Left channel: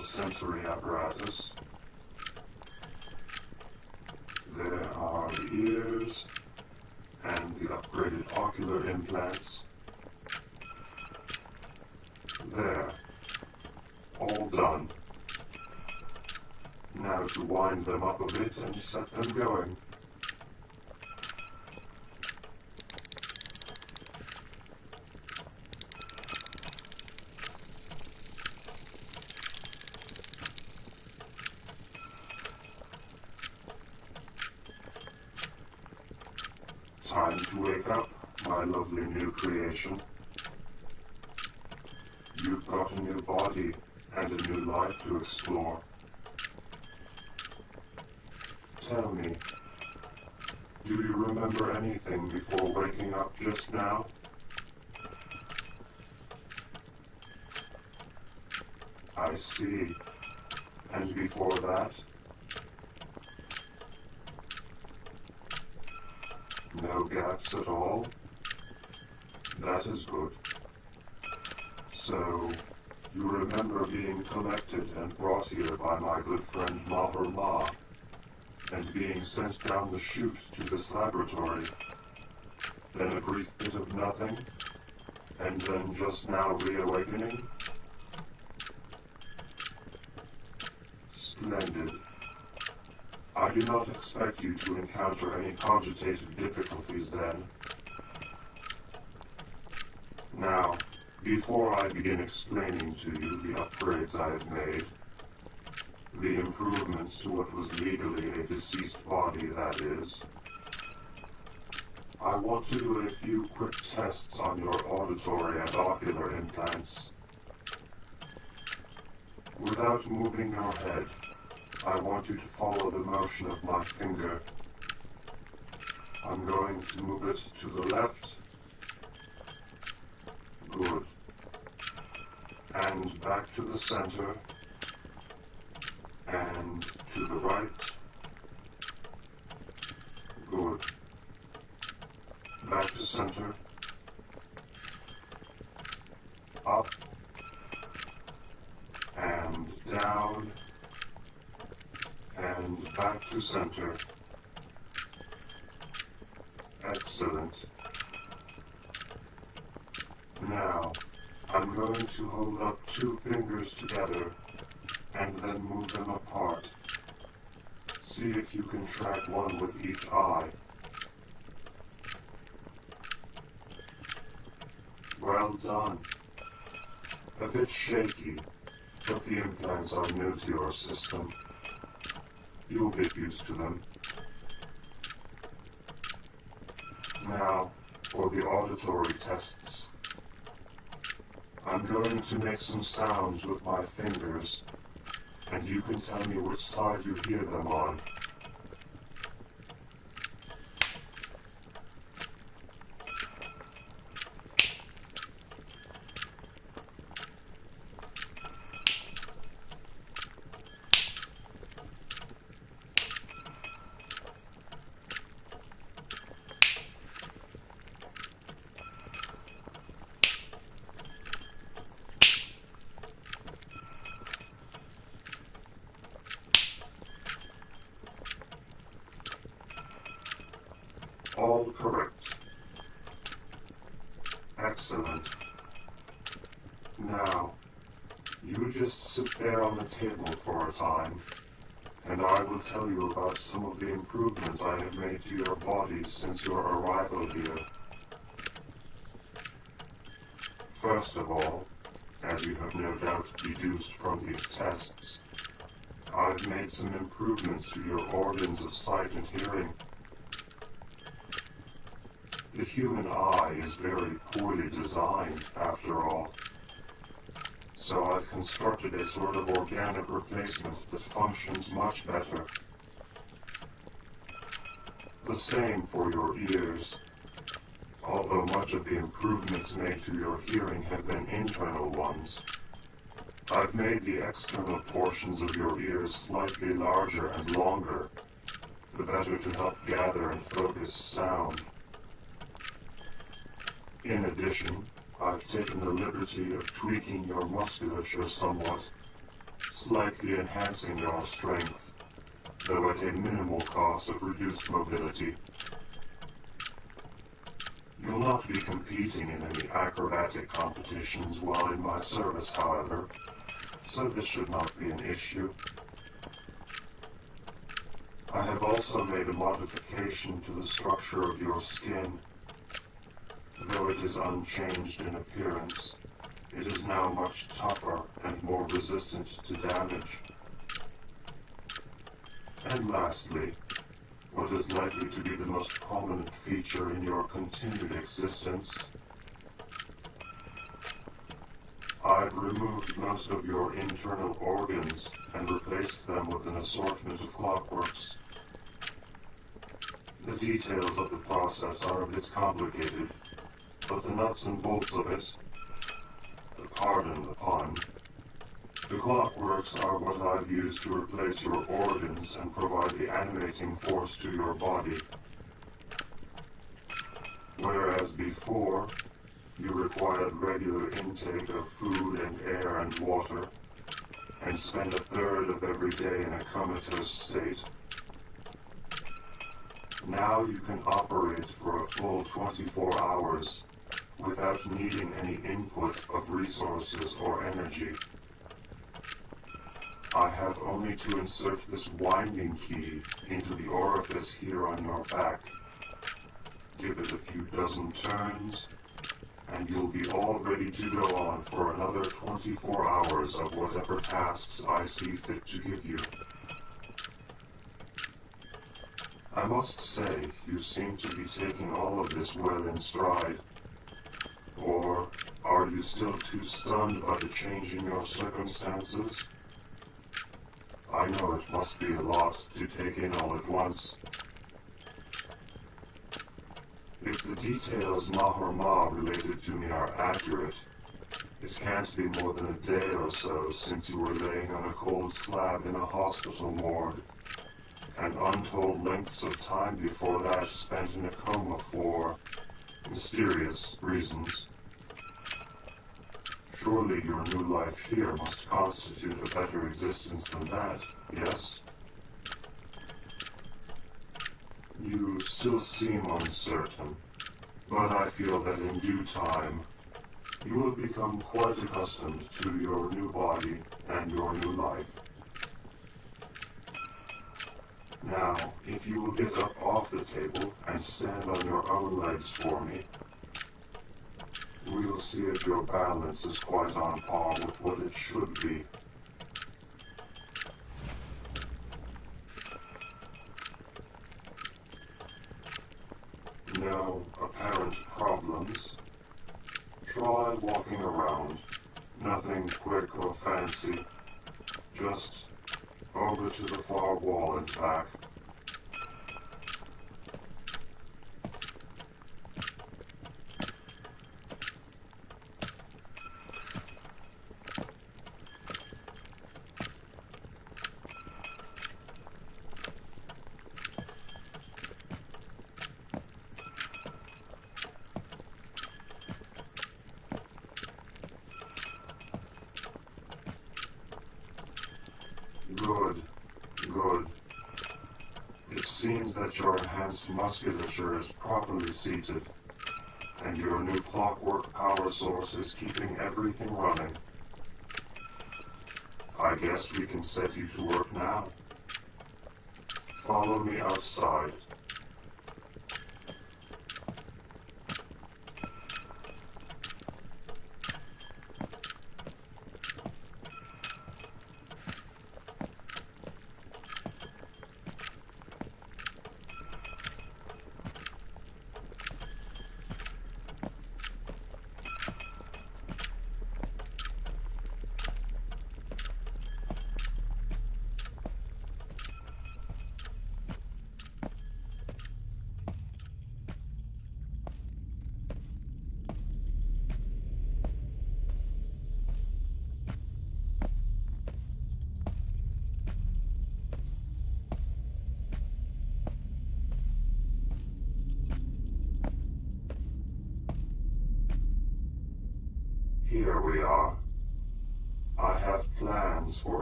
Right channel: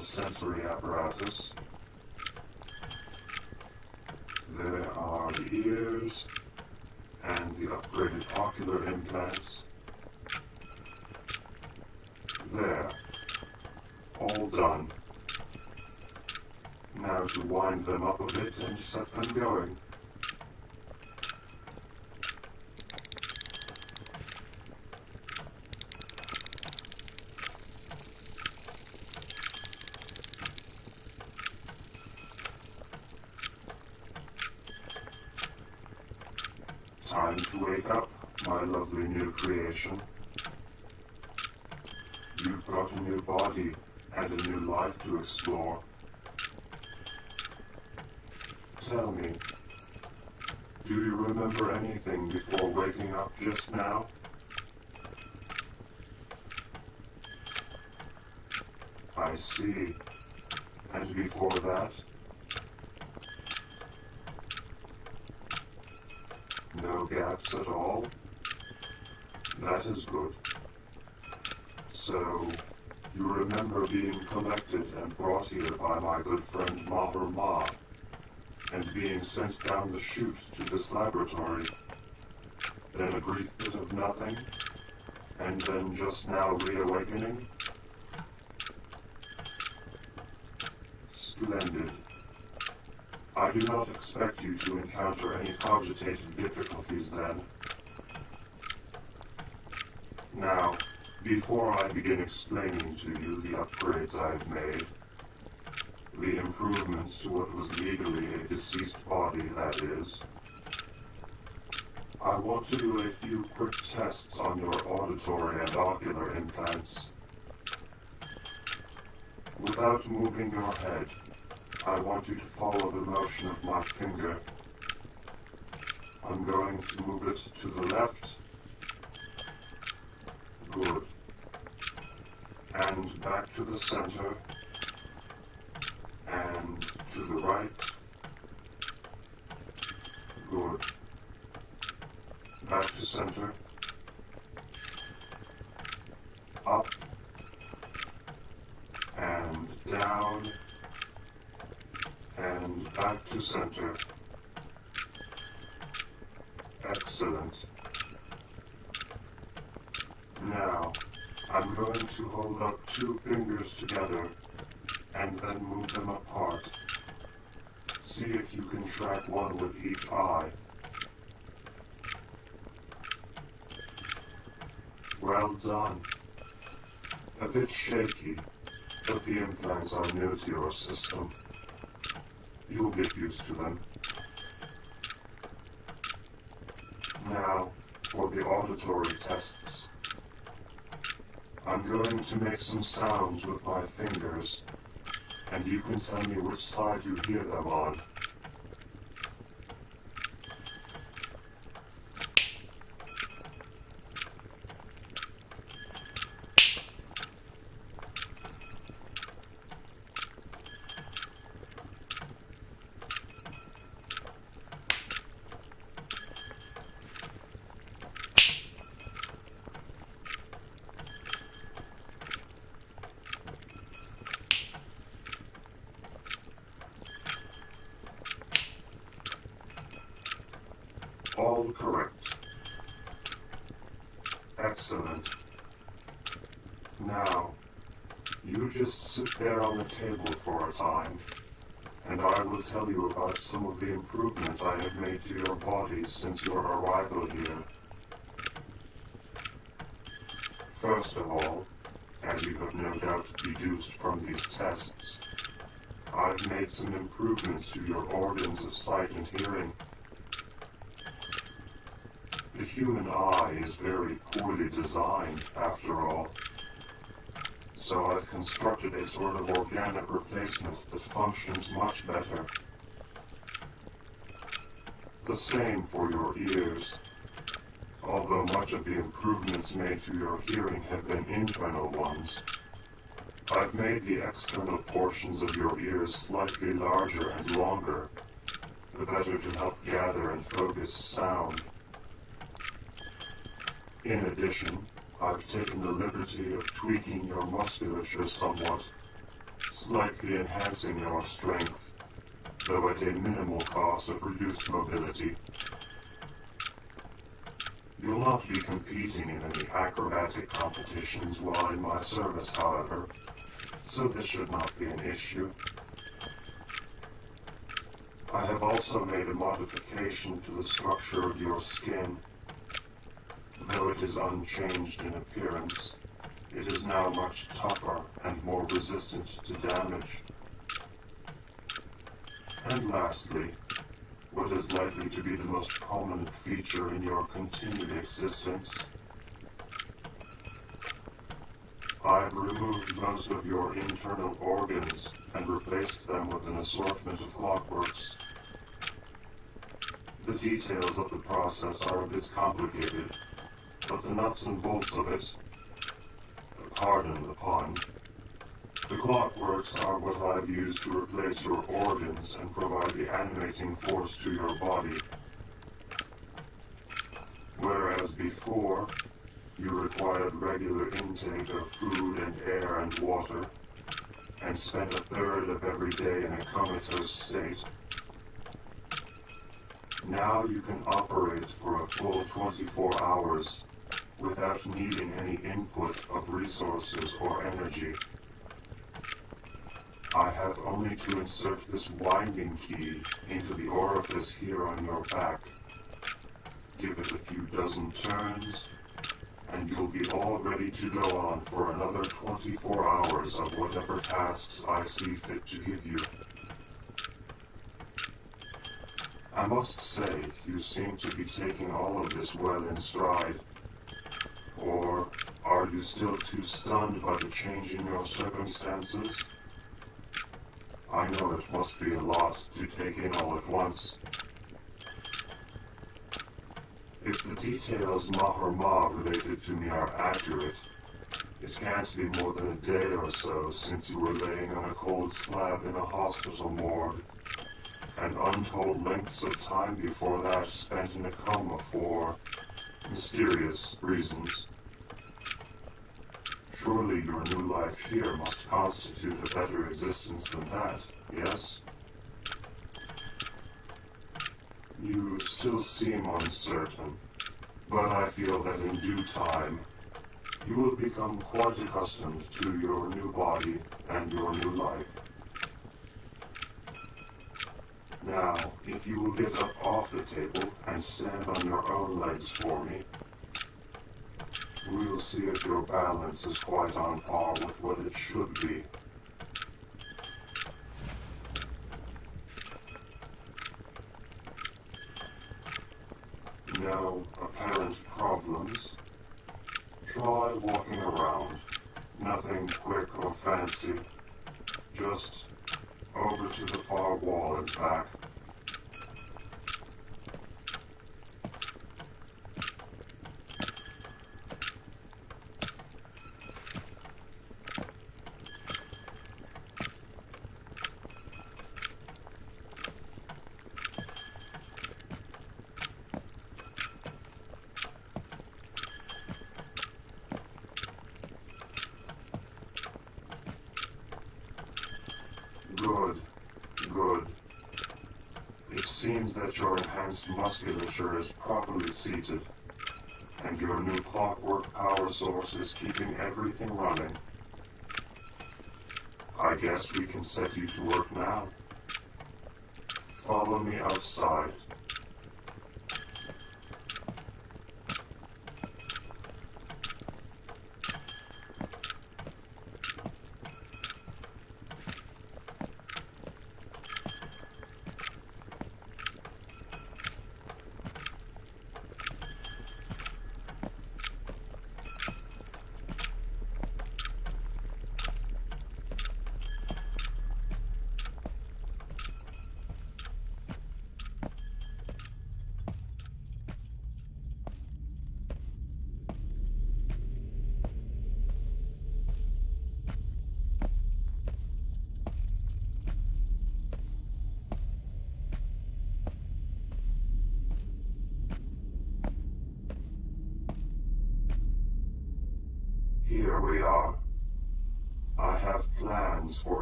additional sensory apparatus. There are the ears and the upgraded ocular implants. There. All done. Now to wind them up a bit and set them going. Time to wake up, my lovely new creation. You've got a new body and a new life to explore. Tell me, do you remember anything before waking up just now? I see. And before that? No gaps at all? That is good. So, you remember being collected and brought here by my good friend Mahur'Ma, and being sent down the chute to this laboratory. Then a brief bit of nothing, and then just now reawakening? Splendid. I do not expect you to encounter any cogitated difficulties then. Now, before I begin explaining to you the upgrades I have made, the improvements to what was legally a deceased body, that is, I want to do a few quick tests on your auditory and ocular implants. Without moving your head, I want you to follow the motion of my finger. I'm going to move it to the left. Good. And back to the center. And to the right. Good. Back to center. Up. And down. And back to center. Excellent. Now, I'm going to hold up two fingers together and then move them apart. See if you can track one with each eye. Well done. A bit shaky, but the implants are new to your system. You'll get used to them. Now, for the auditory tests. I'm going to make some sounds with my fingers, and you can tell me which side you hear them on. All correct. Excellent. Now, you just sit there on the table for a time, and I will tell you about some of the improvements I have made to your body since your arrival here. First of all, as you have no doubt deduced from these tests, I've made some improvements to your organs of sight and hearing. The human eye is very poorly designed, after all. So I've constructed a sort of organic replacement that functions much better. The same for your ears. Although much of the improvements made to your hearing have been internal ones, I've made the external portions of your ears slightly larger and longer, the better to help gather and focus sound. In addition, I've taken the liberty of tweaking your musculature somewhat, slightly enhancing your strength, though at a minimal cost of reduced mobility. You'll not be competing in any acrobatic competitions while in my service, however, so this should not be an issue. I have also made a modification to the structure of your skin. Though it is unchanged in appearance, it is now much tougher and more resistant to damage. And lastly, what is likely to be the most prominent feature in your continued existence, I've removed most of your internal organs and replaced them with an assortment of clockworks. The details of the process are a bit complicated, but the nuts and bolts of it, pardon the pun, the clockworks are what I've used to replace your organs and provide the animating force to your body. Whereas before, you required regular intake of food and air and water, and spent a third of every day in a comatose state. Now you can operate for a full 24 hours without needing any input of resources or energy. I have only to insert this winding key into the orifice here on your back, give it a few dozen turns, and you'll be all ready to go on for another 24 hours of whatever tasks I see fit to give you. I must say, you seem to be taking all of this well in stride. Or are you still too stunned by the change in your circumstances? I know it must be a lot to take in all at once. If the details Mahur'Ma related to me are accurate, it can't be more than a day or so since you were laying on a cold slab in a hospital morgue, and untold lengths of time before that spent in a coma for mysterious reasons. Surely your new life here must constitute a better existence than that, yes? You still seem uncertain, but I feel that in due time, you will become quite accustomed to your new body and your new life. Now, if you will get up off the table and stand on your own legs for me, we'll see if your balance is quite on par with what it should be. No apparent problems. Try walking around. Nothing quick or fancy. Just over to the far wall and back. Good, good. It seems that your enhanced musculature is properly seated, and your new clockwork power source is keeping everything running. I guess we can set you to work now. Follow me outside.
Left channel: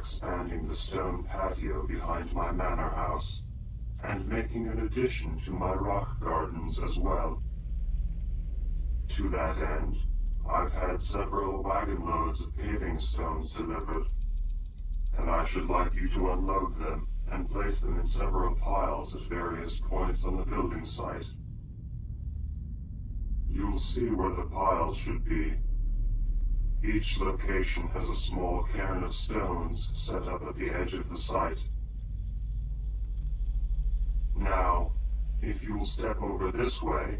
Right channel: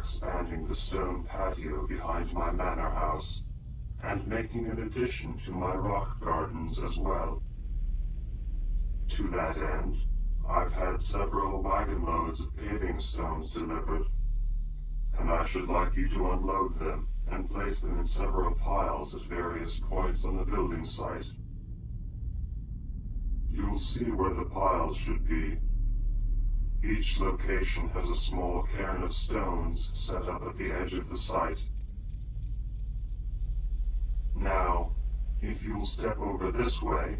expanding the stone patio behind my manor house, and making an addition to my rock gardens as well. To that end, I've had several wagon loads of paving stones delivered, and I should like you to unload them and place them in several piles at various points on the building site. You'll see where the piles should be. Each location has a small cairn of stones set up at the edge of the site. Now, if you'll step over this way,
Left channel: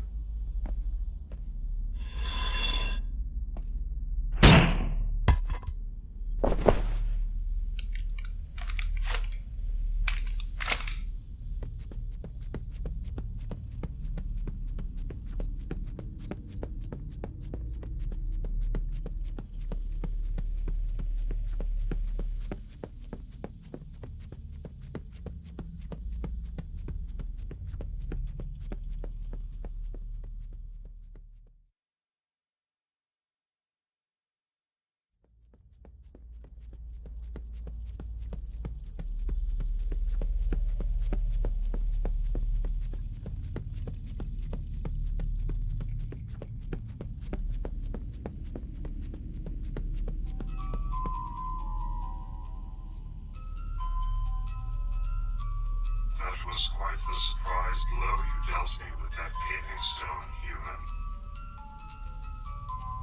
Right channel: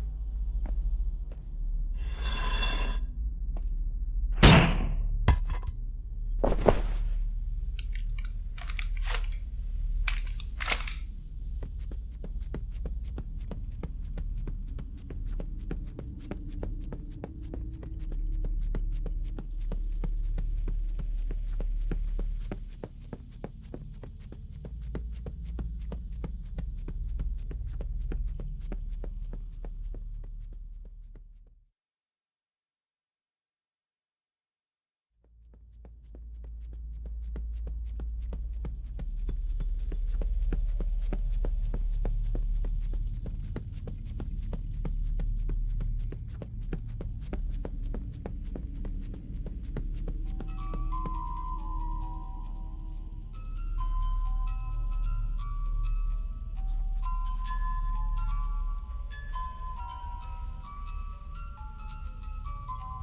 was quite the surprise blow you dealt me with that paving stone, human.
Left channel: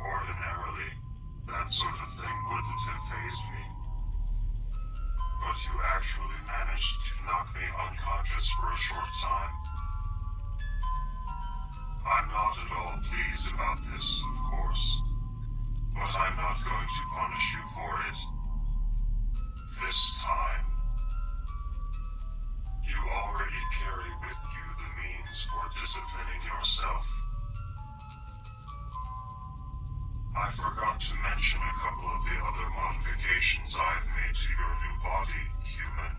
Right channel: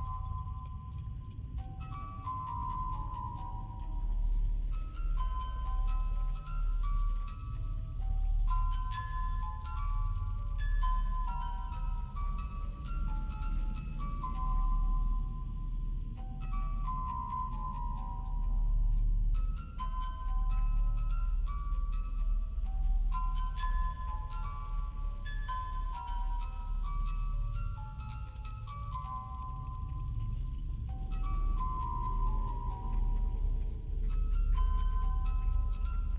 Ordinarily, that sort of thing wouldn't have fazed me. But you actually managed to knock me unconscious for a short time. I'm not at all pleased about this, of course, but I'm not going to punish you for it. This time. You already carry with you the means for disciplining yourself. I forgot to mention a couple of the other modifications I've made to your new body, human.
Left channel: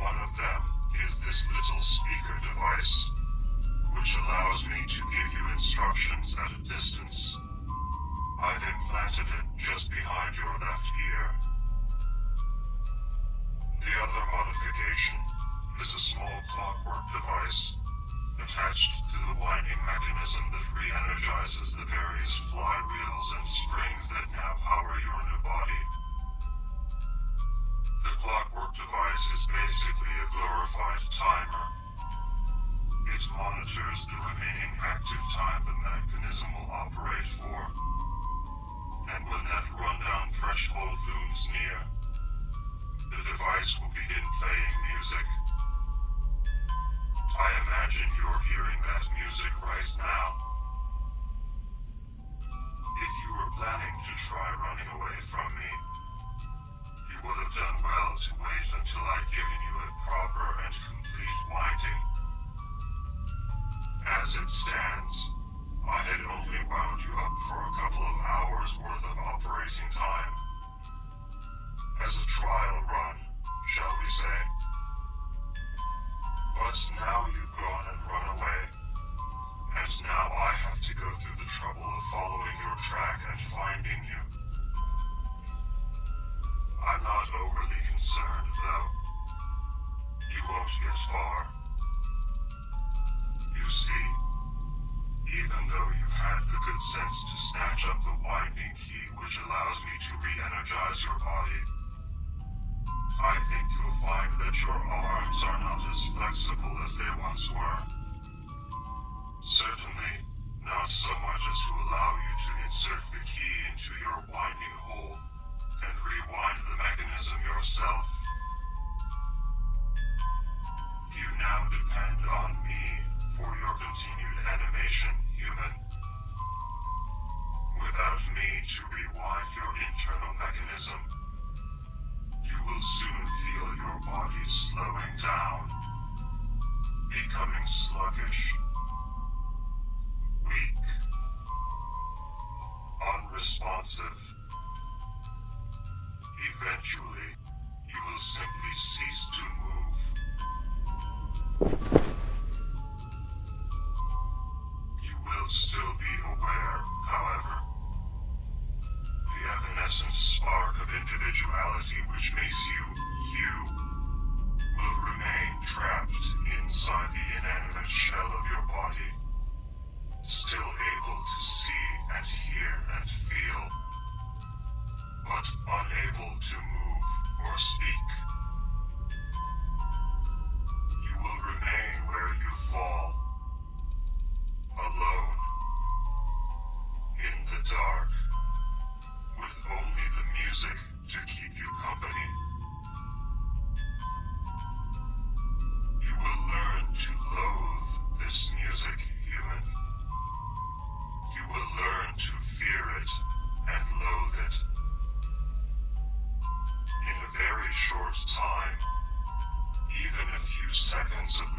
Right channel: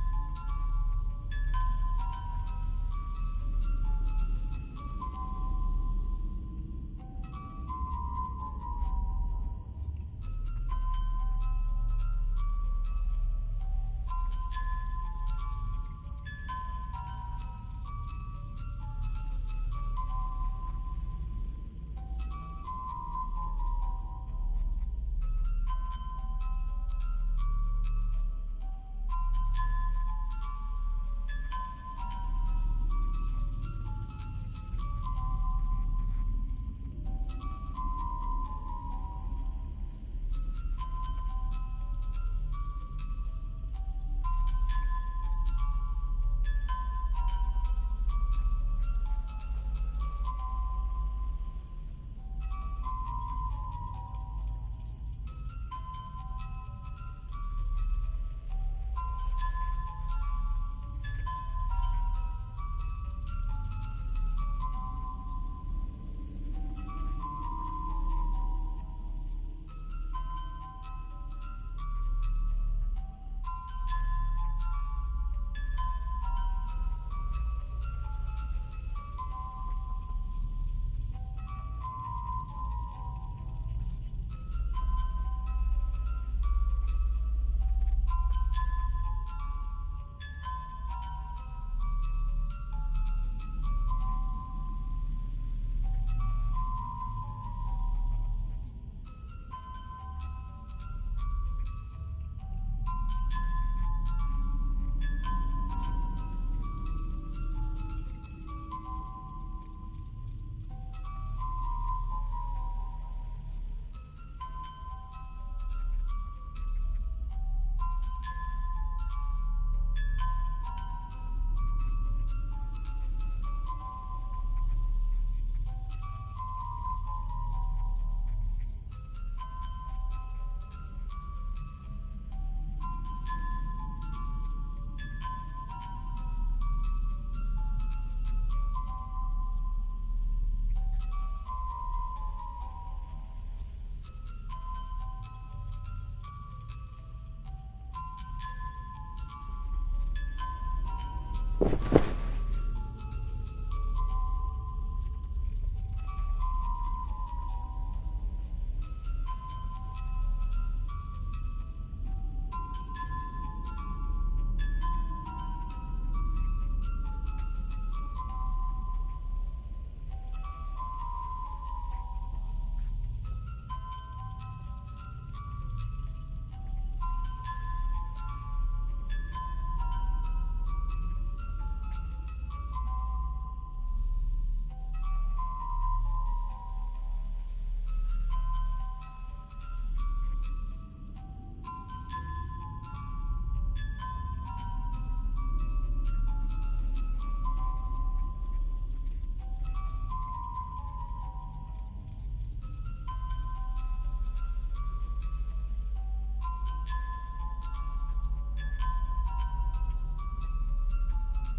One of them is this little speaker device, which allows me to give you instructions at a distance. I've implanted it just behind your left ear. The other modification is a small clockwork device attached to the winding mechanism that re-energizes the various flywheels and springs that now power your new body. The clockwork device is basically a glorified timer. It monitors the remaining active time the mechanism will operate for, and when that rundown threshold looms near, the device will begin playing music. I imagine you're hearing that music right now. If you were planning to try running away from me, you would have done well to wait until I'd given you a proper and complete winding. As it stands, I had only wound you up for a couple of hours worth of operating time. As a trial run, shall we say. But now you've gone and run away, and now I have to go through the trouble of following your track and finding you. I'm not overly concerned, though. You won't get far. You see, even though you had the good sense to snatch up the winding key which allows me to re-energize your body, I think you'll find that your arms are not as flexible as they once were. Certainly, not so much as to allow you to insert the key into your winding hole and rewind the mechanism yourself. You now depend on me for your continued animation, human. Without me to rewind your internal mechanism, you will soon feel your body slowing down, becoming sluggish, weak, unresponsive. Eventually, you will simply cease to move. You will still be aware, however. The evanescent spark of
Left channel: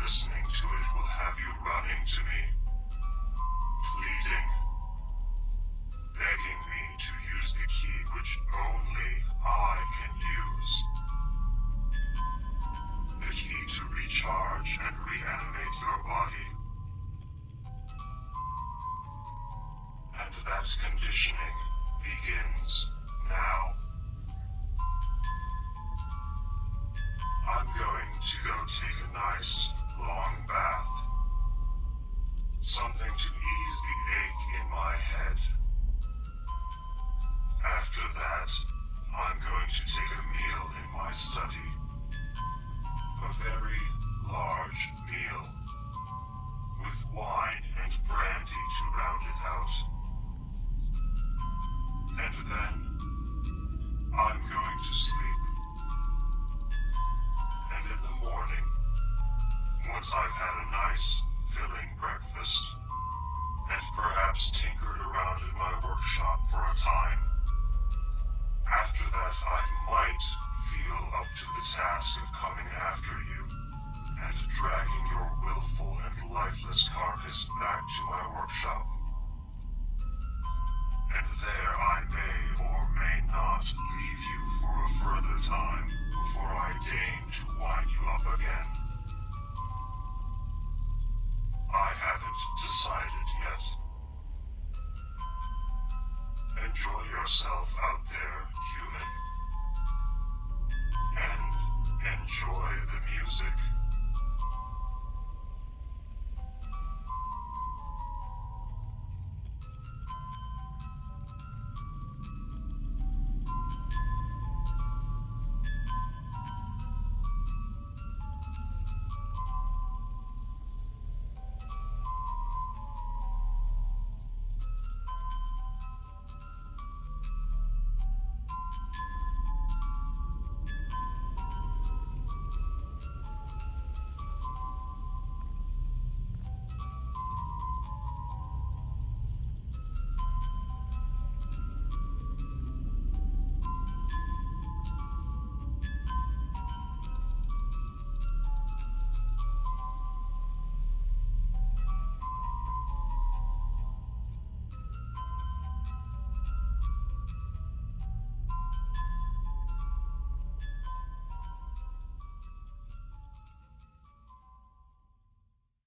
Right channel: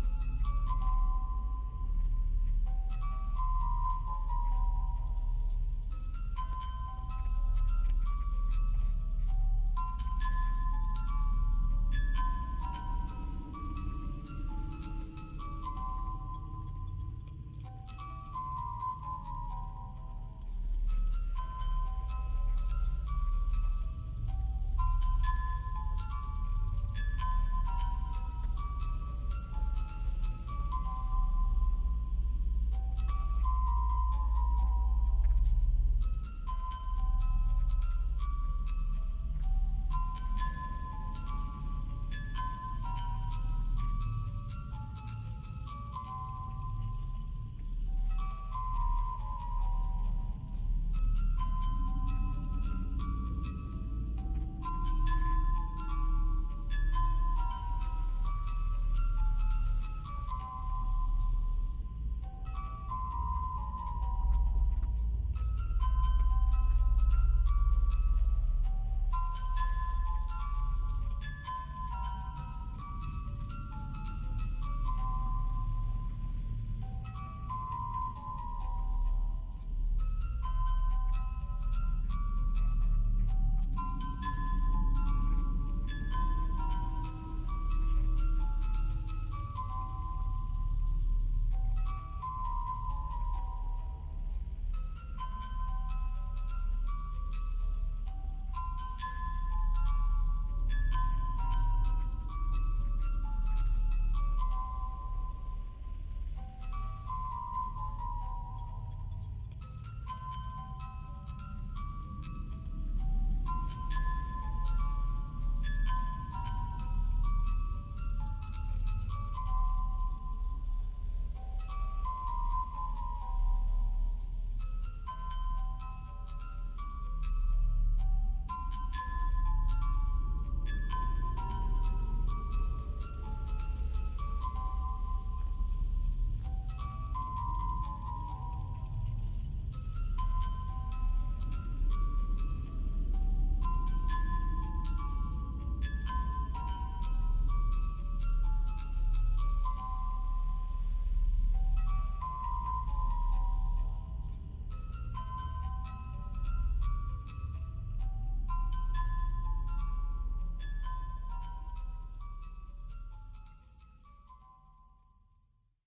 Listening to it will have you running to me, pleading, begging me to use the key which only I can use. The key to recharge and reanimate your body. And that conditioning begins now. I'm going to go take a nice, long bath. Something to ease the ache in my head. After that, I'm going to take a meal in my study. A very large meal, with wine and brandy to round it out. And then, I'm going to sleep. And in the morning, once I've had a nice, filling breakfast, and perhaps tinkered around in my workshop for a time, after that I might feel up to the task of coming after you, and dragging your willful and lifeless carcass back to my workshop. And there I may or may not leave you for a further time before I deign to wind you up again. I haven't decided.